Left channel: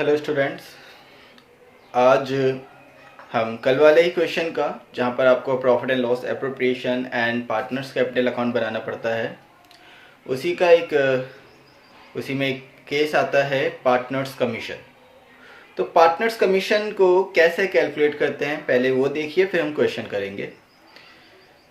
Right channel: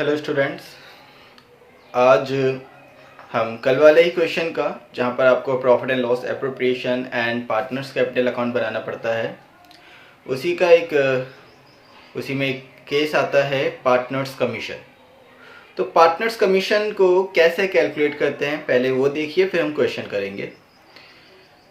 Hello students, आज हम कल वाले ही क्वेश्चन का, जहाँ पर आपको profit and loss appropriation and partners capital account बनाना पड़ता है, उसी में एक केस आता है पार्टनर्स कमीशन। तो पार्टनर्स कमीशन को कैसे कैलकुलेट करते हैं पहले वो देखिए, फिर हम क्वेश्चन करेंगे।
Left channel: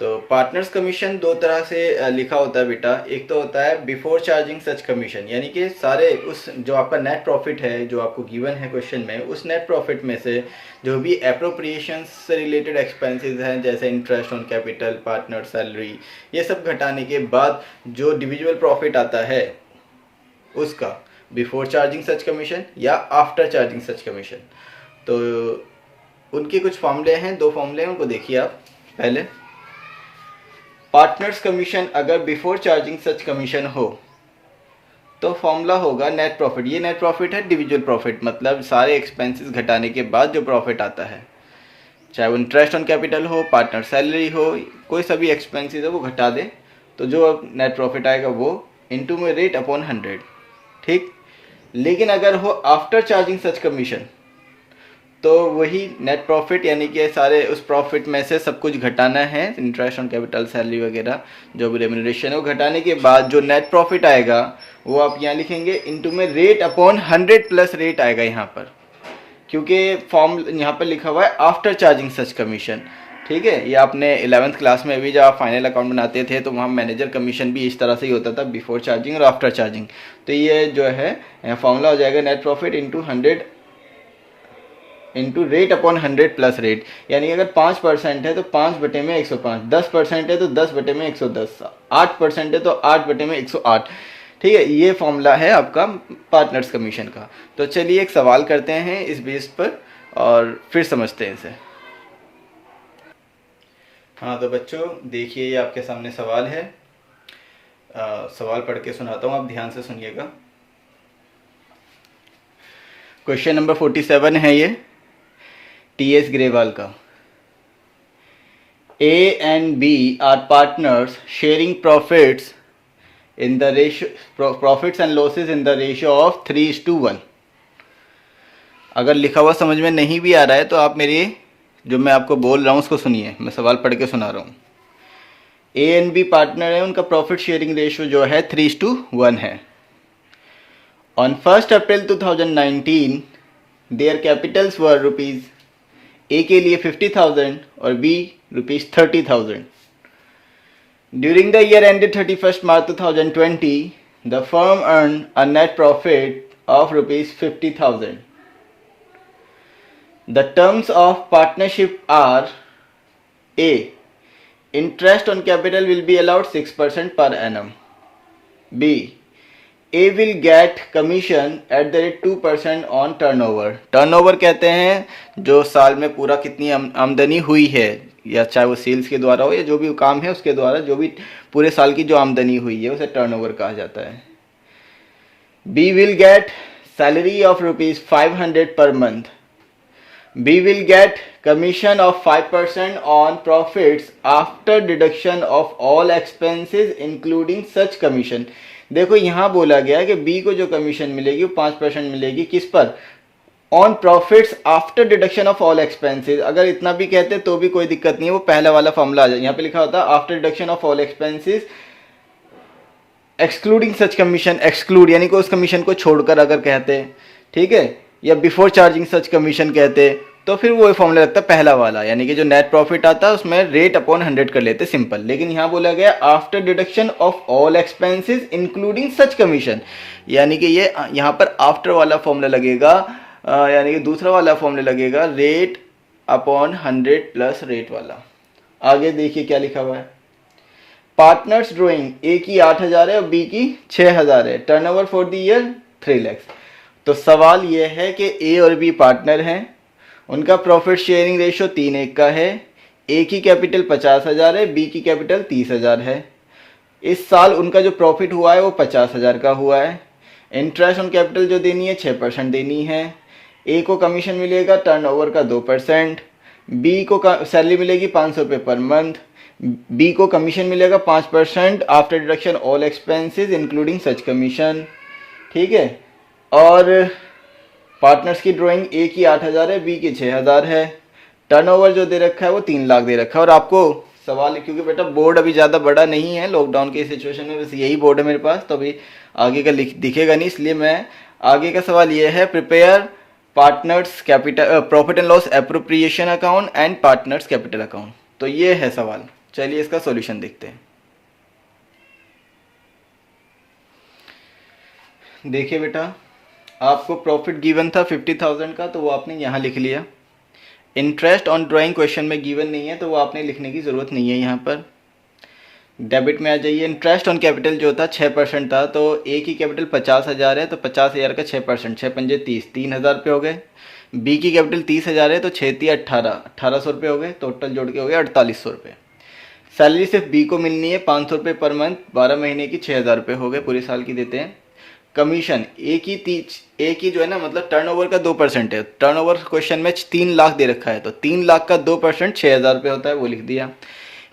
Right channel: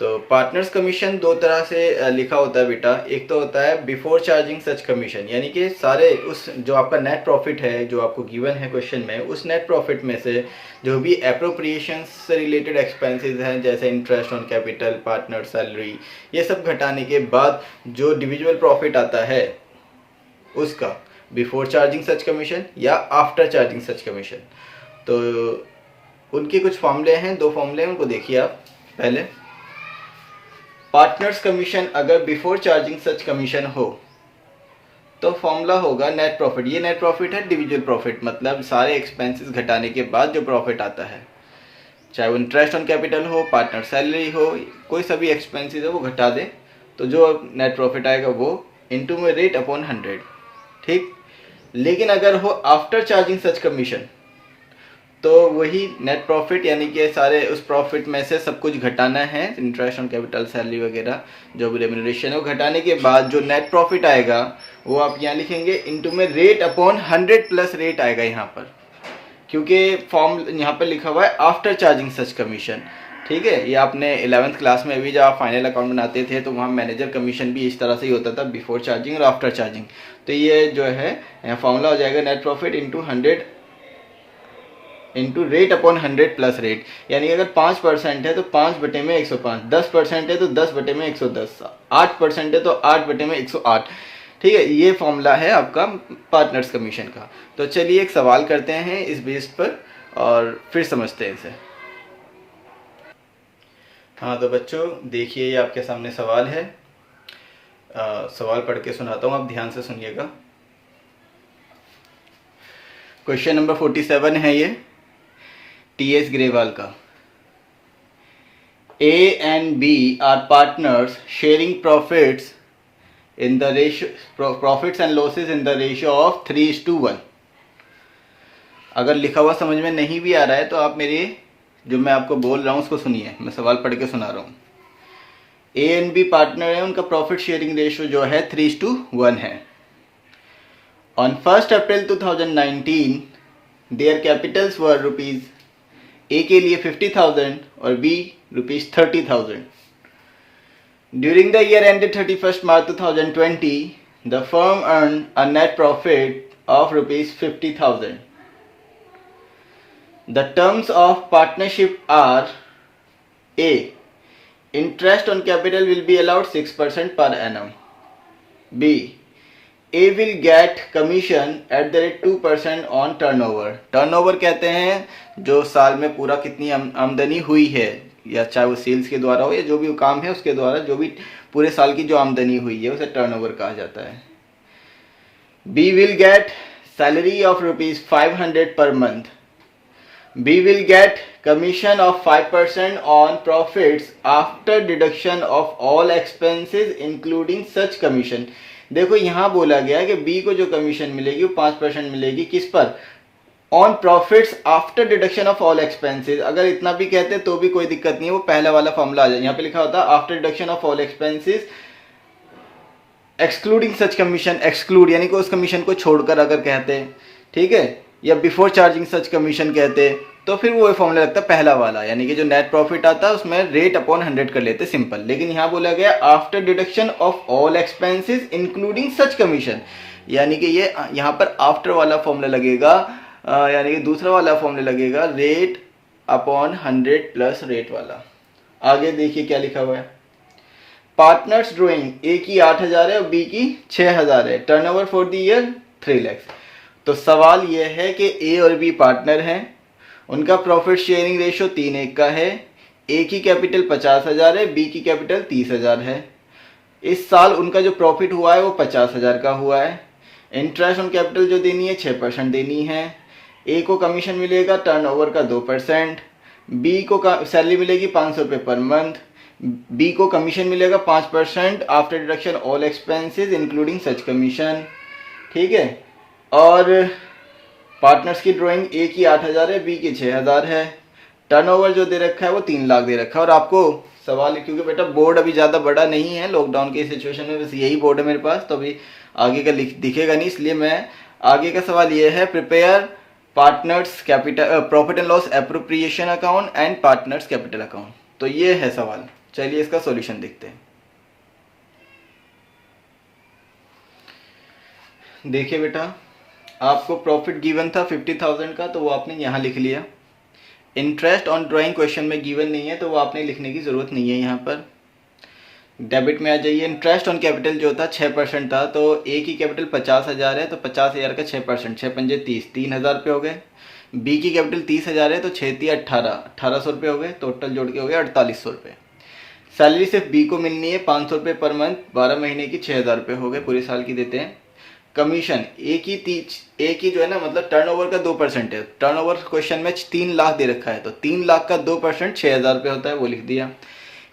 तो पार्टनर्स कमीशन दो तरह से लिखा होता है बेटा। एक तो होता है बिफोर चार्जिंग सच कमीशन, यानी कि सारे उस जो आपका नेट प्रॉफिट है जो आपको गिवन है क्वेश्चन में, उस नेट प्रॉफिट में से जो भी एप्रोप्रिएशन से रिलेटेड एक्सपेंसेस हैं, जैसे interest on capital, partner salary, ये सब घटाने के बाद जो डिविजुअल प्रॉफिट आता है उसका बिफोर चार्जिंग सच कमीशन या आफ्टर चार्जिंग सच कमीशन। तो उनके कुछ फॉर्मूले हैं, दो फॉर्मूले हैं, उनको देखिए आप। पहले पार्टनर्स कमीशन अगर बिफोर चार्जिंग सच कमीशन हो तो फॉर्मूला होगा नेट प्रॉफिट। ये नेट प्रॉफिट है डिविजुअल प्रॉफिट, मतलब सारे एक्सपेंसेस घटाने के बाद जो प्रॉफिट आता है, चाहे वो इंटरेस्ट ऑन कैपिटल हो, पार्टनर सैलरी हो, कोई सा भी एक्सपेंसेस है वो घटा दे, तो जो नेट प्रॉफिट आएगा वो इनटू में रेट अपॉन 100। ठीक। लेकिन अगर हो आफ्टर चार्जिंग सच कमीशन तो वही नेट प्रॉफिट, यानी कि सारे उस प्रॉफिट में से सब कुछ घटाना है, इंटरेस्ट ऑन कैपिटल, सैलरी वगैरह जो भी रेम्यूनरेशन है, वो घटाने के बाद जो नेट प्रॉफिट आएगा वो आप यहाँ लिखेंगे इनटू में रेट अपॉन 100 प्लस रेट आएगा यहाँ पर, क्योंकि फॉर्म यहाँ पर लिखा हुआ है आफ्टर चार्जिंग सच कमीशन। ठीक है, ये आपने 11th क्लास में भी जब आप फाइनल अकाउंट बनाते थे तो वहाँ मैनेजर कमीशन भी इस तरह से ही होता था, बिफोर चार्जिंग और आफ्टर चार्जिंग। तो ये जो है फॉर्मूला हो जाएगा net profit into 100 into rate upon 100 plus rate, यानी अगर 5% है तो 5 में 105, 10% है तो 10 में 110, 8% है तो 8 में 108। ठीक है, ये फॉर्मूला है आपका पार्टनर्स कमीशन का। तो चलिए एक सवाल करते हैं इस बेस पर और फिर समझते हैं इसे। हाँ तो बच्चों देखिए, ये आपके सामने सवाल है। सवाल पढ़ के सुनाता हूँ, आप ध्यान से सुनिएगा। क्वेश्चन नंबर 47 है ये, टीएस ग्रेवाल का। A and B are partners sharing profits in the ratio, profits and losses in the ratio of 3:1। अगर लिखा हुआ समझ में नहीं भी आ रहा है तो आप मेरी जो मैं आपको बोल रहा हूँ उसको सुनिए, मैं सवाल पढ़ के सुना रहा हूँ। A and B पार्टनर है, उनका प्रॉफिट शेयरिंग रेशियो जो है 3:1 है। On 1st April 2019 their capitals were rupees, ए के लिए 50,000 और B rupees 30,000। During the year ended 31st March 2020 the firm earn a net profit of rupees 50,000। The terms of partnership are A, interest on capital will be allowed 6% per annum. B, A will get commission at the rate 2% on turnover. Turnover कहते हैं जो साल में पूरा कितनी आमदनी हुई है, या चाहे वो सेल्स के द्वारा हो या जो भी काम है उसके द्वारा, जो भी पूरे साल की जो आमदनी हुई है उसे टर्नओवर कहा जाता है। B will get salary of rupees 500 per month. B will get commission of 5% on profits after deduction of all expenses including such commission. देखो यहाँ बोला गया है कि बी को जो कमीशन मिलेगी वो 5% मिलेगी, किस पर? On profits after deduction of all expenses. अगर इतना भी कहते तो भी कोई दिक्कत नहीं है, वो पहला वाला फॉर्मूला आ जाए। यहाँ पे लिखा होता है after deduction of all expenses excluding such commission, exclude यानी कि उस कमीशन को छोड़कर अगर कहते, ठीक है, या बिफोर चार्जिंग सच कमीशन कहते तो फिर वो फॉर्मूला लगता है पहला वाला, यानी कि जो नेट प्रॉफिट आता है उसमें रेट अपॉन 100 कर लेते, सिंपल। लेकिन यहाँ बोला गया after deduction of all expenses including such commission, यानी कि ये यहाँ पर आफ्टर वाला फॉर्मूला लगेगा, यानी कि दूसरा वाला फॉर्मूला लगेगा रेट अपॉन 100 प्लस रेट वाला। आगे देखिए क्या लिखा हुआ है। पार्टनर्स ड्रॉइंग, ए की 8,000 है और बी की 6,000 है। Turnover for the year 3 lakh. तो सवाल यह है कि ए और बी पार्टनर हैं, उनका प्रॉफिट शेयरिंग रेशियो 3:1 का है। ए की कैपिटल 50,000 है, बी की कैपिटल 30,000 है। इस साल उनका जो प्रॉफिट हुआ है वो 50,000 का हुआ है। इंटरेस्ट ऑन कैपिटल जो देनी है 6% देनी है। ए को कमीशन मिलेगा टर्नओवर का 2%। बी को सैलरी मिलेगी 500 रुपये पर मंथ। बी को कमीशन मिलेगा 5% after deduction all expenses including such commission. ठीक है, और पार्टनर्स की ड्राइंग ए की 8,000 है, बी की 6,000 है। टर्नओवर जो दे रखा है वो 3 लाख दे रखा है। और आपको सवाल, क्योंकि बेटा बोर्ड अभी ज़्यादा बड़ा नहीं है, लॉकडाउन की सिचुएशन में बस यही बोर्ड है मेरे पास, तो अभी आगे का दिखेगा नहीं, इसलिए मैं आगे का सवाल ये है, prepare partners capital profit and loss appropriation account and partners capital account. तो ये है सवाल। चलिए इसका सॉल्यूशन देखते हैं। देखिए बेटा, आपको प्रॉफिट गिवन था 50,000 का, तो वो आपने यहाँ लिख लिया। इंटरेस्ट ऑन ड्राइंग क्वेश्चन में गिवन नहीं है, तो वो आपने लिखने की ज़रूरत नहीं है यहाँ पर। डेबिट में आ जाइए। इंटरेस्ट ऑन कैपिटल जो था 6% था, तो ए की कैपिटल 50,000 है, तो 50,000 का 6%, 6×5 30, 3,000 रुपये हो गए। बी की कैपिटल 30,000 है, तो 6×3 1800 रुपये हो गए, टोटल जोड़ के हो गए 4800 रुपये। सैलरी सिर्फ बी को मिलनी है 500 रुपये पर मंथ, 12 महीने की 6,000 रुपये हो गए, पूरे साल की देते हैं। कमीशन ए की जो है ना, मतलब टर्नओवर का 2% है। टर्नओवर क्वेश्चन में 3 लाख दे रखा है, तो 3 लाख का 2% 6,000 रुपये होता है, वो लिख दिया।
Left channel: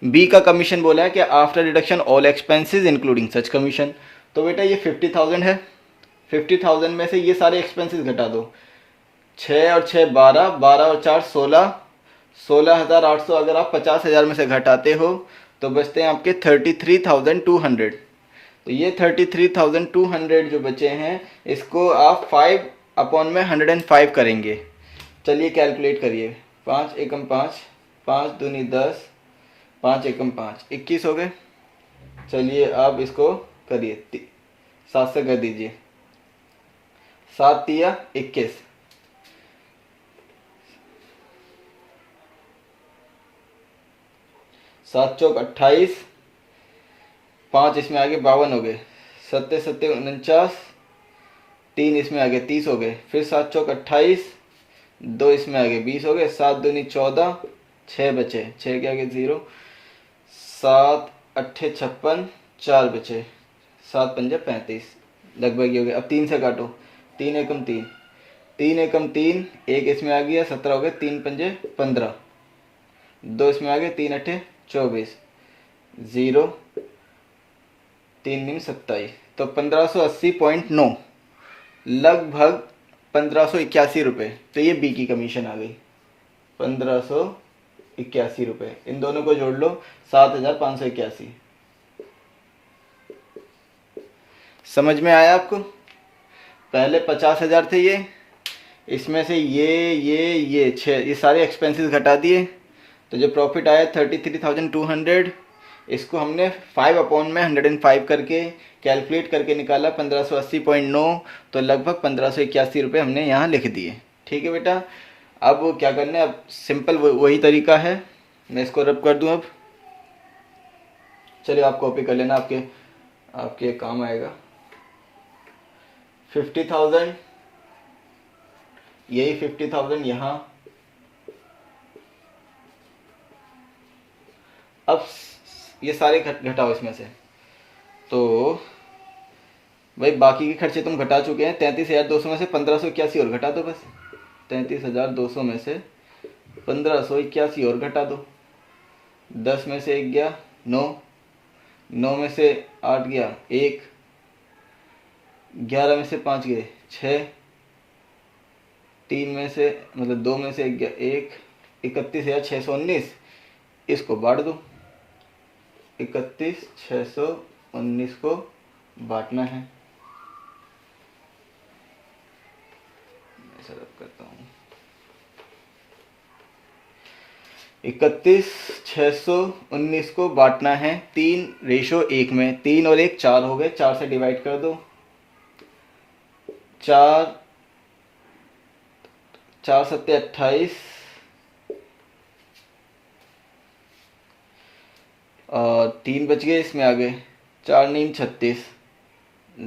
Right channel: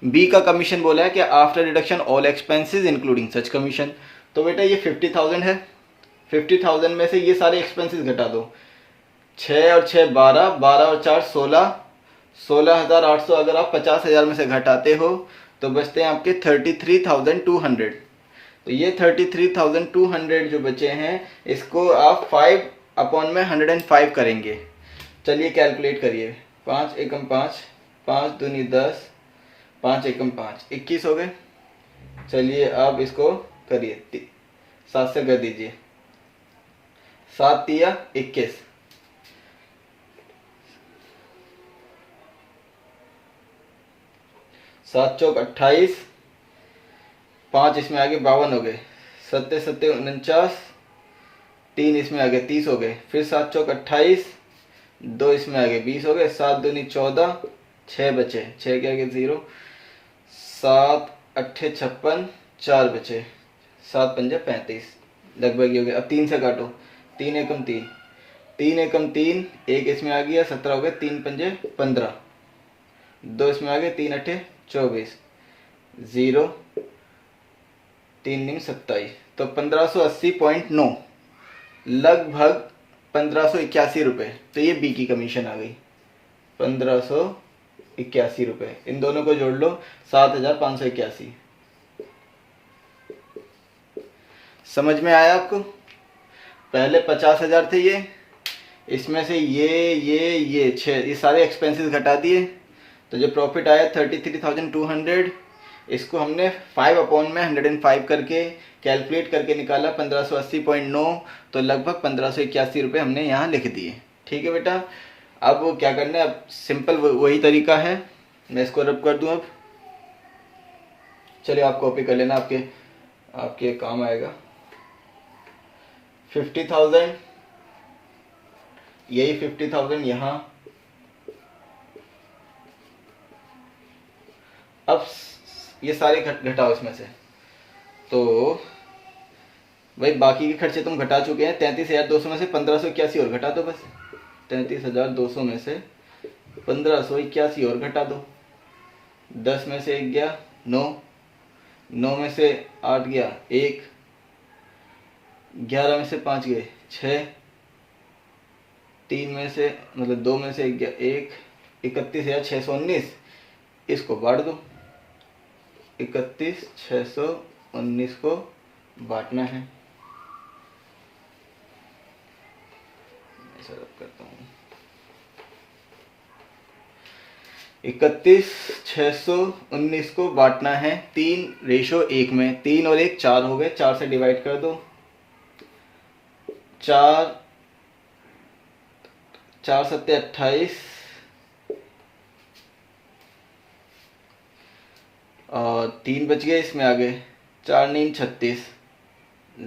बी का कमीशन बोला है कि after deduction all expenses including such commission. तो बेटा ये 50,000 है, 50,000 में से ये सारे एक्सपेंसेस घटा दो। 6 और 6 12, 12 और 4 16, 16,800 अगर आप 50,000 में से घटाते हो तो बचते हैं आपके 33,200। तो ये 33,200 जो बचे हैं, इसको आप 5/105 करेंगे। चलिए कैलकुलेट करिए। 5 एकम 5, 5 दूनी 10, 5 एकम 5, 21 हो गए। चलिए आप इसको करिए, 7 से कर दीजिए, 7 तिया 21, 7 चौक 28, 5 इसमें आगे 52 हो गए, 7 7 49, 3 इसमें आगे 30 हो गए, फिर 7 चौक 28, 2 इसमें आगे 20 हो गए, 7 दूनी 14, 6 बचे, 6 के आगे 0, 7 8 56, 4 बचे, 7 पंजे 35, लगभग ही हो गए। अब 3 से काटो, 3 एकम 3, 3 एकम 3, 1 इसमें आ गया 17 हो गए, 3 पंजे 15, 2 इसमें आ गए, 3 8 24, 0, 3 9 27, तो 1580.9, लगभग 1581 रुपये। तो ये बी की कमीशन आ गई, 1581 रुपये। इन दोनों को जोड़ लो, 7,581। समझ में आया आपको? पहले 50,000 थे ये, इसमें से ये 6, ये सारे एक्सपेंसेस घटा दिए, तो जो प्रॉफिट आया 33,200, इसको हमने 5/105 करके कैलकुलेट करके निकाला 1580.9, तो लगभग 1581 रुपये हमने यहाँ लिख दिए। ठीक है बेटा, अब वो क्या करना है, अब सिंपल वही तरीका है, मैं इसको रब कर दूँ अब। चलिए आप कॉपी कर लेना, आपके काम आएगा। 50,000, यही 50,000 यहाँ। अब ये सारे घटाओ इसमें से, तो भाई बाकी के खर्चे तुम घटा चुके हैं। 33,200 में से 1581 और घटा दो, बस 33,200 में से 1581 और घटा दो। 10 में से 1 गया 9, 9 में से 8 गया 1, 11 में से 5 गए 6, 3 में से मतलब 2 में से 1 गया 1, 31,619, इसको बांट दो। 31,619 को बांटना है। ऐसा करता हूँ, 31,619 को बांटना है 3:1 में। 3 और 1 4 हो गए, 4 से डिवाइड कर दो। 4 4 7 28 और 3 बच गए, इसमें आ गए 4 9 36,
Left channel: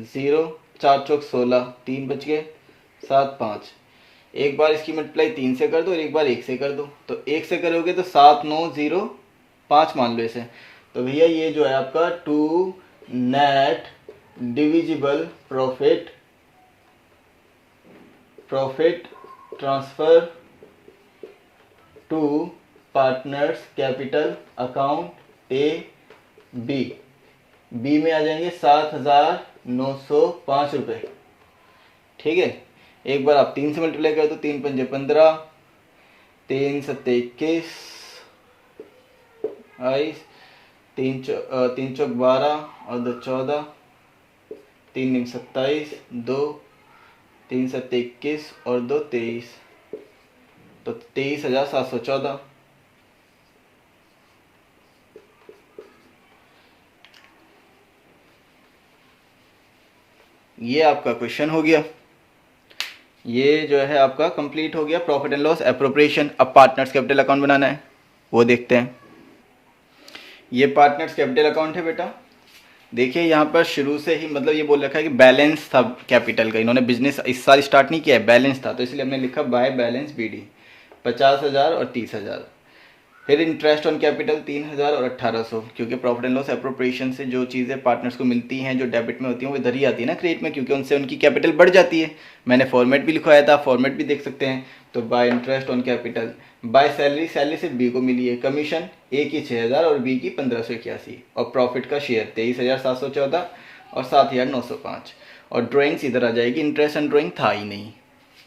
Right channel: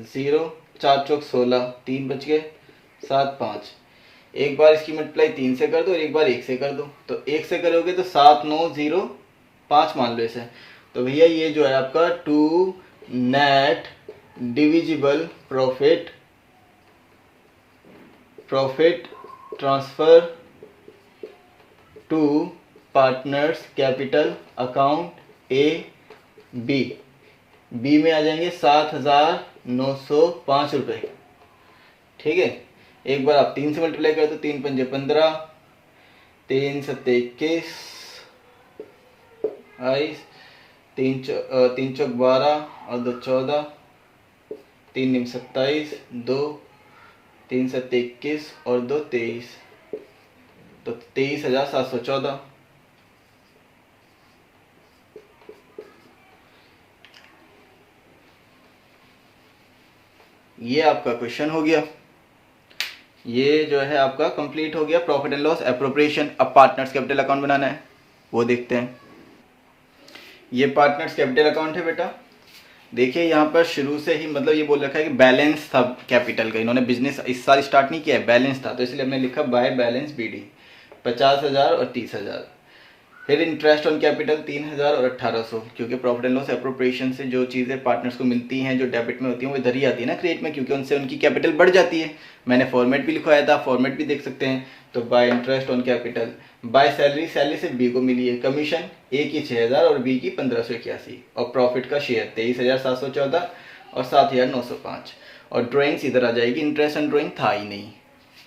0, 4 चौक 16, 3 बच गए, 7 5। एक बार इसकी मल्टीप्लाई 3 से कर दो और एक बार 1 से कर दो। तो 1 से करोगे तो 7 9 0 5 मान लो इसे। तो भैया ये जो है आपका to net divisible profit transfer to partners capital account A B में आ जाएंगे 7,905 रुपये। ठीक है, एक बार आप 3 से मल्टीप्लाई करें तो 3 पंजे 15, 3 सत्ते 21, 3 चौक 12 और 2 14, 3 निम 27, 2 3 सत्ते 21 और 2 23, तो 23,714। ये आपका क्वेश्चन हो गया। ये जो है आपका कंप्लीट हो गया प्रॉफिट एंड लॉस एप्रोप्रिएशन। अब पार्टनर्स कैपिटल अकाउंट बनाना है, वो देखते हैं। ये पार्टनर्स कैपिटल अकाउंट है बेटा। देखिए यहाँ पर शुरू से ही मतलब ये बोल रखा है कि बैलेंस था कैपिटल का, इन्होंने बिजनेस इस साल स्टार्ट नहीं किया है, बैलेंस था, तो इसलिए हमने लिखा बाय बैलेंस BD 50,000 और 30,000। फिर इंटरेस्ट ऑन कैपिटल 3,000 और 1,800, क्योंकि प्रॉफिट एंड लॉस एप्रोप्रिएशन से जो चीज़ें पार्टनर्स को मिलती हैं जो डेबिट में होती हैं वो इधर ही आती है ना क्रेडिट में, क्योंकि उनसे उनकी कैपिटल बढ़ जाती है। मैंने फॉर्मेट भी लिखवाया था, फॉर्मेट भी देख सकते हैं। तो bye interest on capital, by salary, salary सिर्फ B को मिली है, कमीशन A की 6,000 और B की 1,581, और प्रॉफिट का शेयर 23,714 और 7,905। और ड्राइंग्स इधर आ जाएगी, इंटरेस्ट ऑन ड्राइंग था ही नहीं।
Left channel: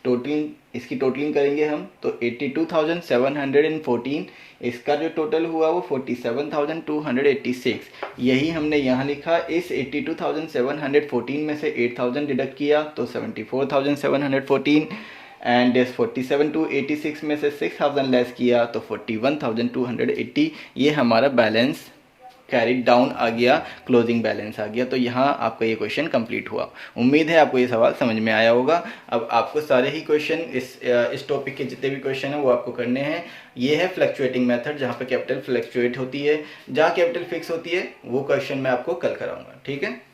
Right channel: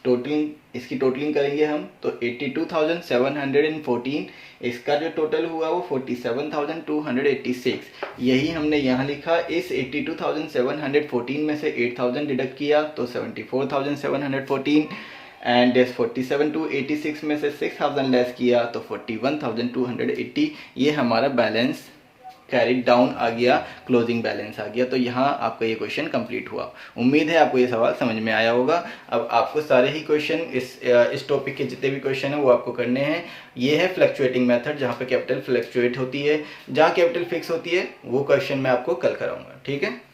टोटलिंग, इसकी टोटलिंग करेंगे हम तो 82,714, इसका जो टोटल हुआ वो 47,286। यही हमने यहाँ लिखा। इस 82,714 में से 8,000 डिडक्ट किया तो 74,714, एंड इस 47,286 में से 6,000 लेस किया तो 41,280। ये हमारा बैलेंस कैरिड डाउन आ गया, क्लोजिंग बैलेंस आ गया। तो यहाँ आपका ये क्वेश्चन कंप्लीट हुआ। उम्मीद है आपको ये सवाल समझ में आया होगा। अब आपको सारे ही क्वेश्चन इस टॉपिक के जितने भी क्वेश्चन हैं वो आपको करने हैं। ये है फ्लक्चुएटिंग मेथड, जहाँ पे कैपिटल फ्लक्चुएट होती है। जहाँ कैपिटल फिक्स होती है वो क्वेश्चन मैं आपको कल कराऊंगा, ठीक है।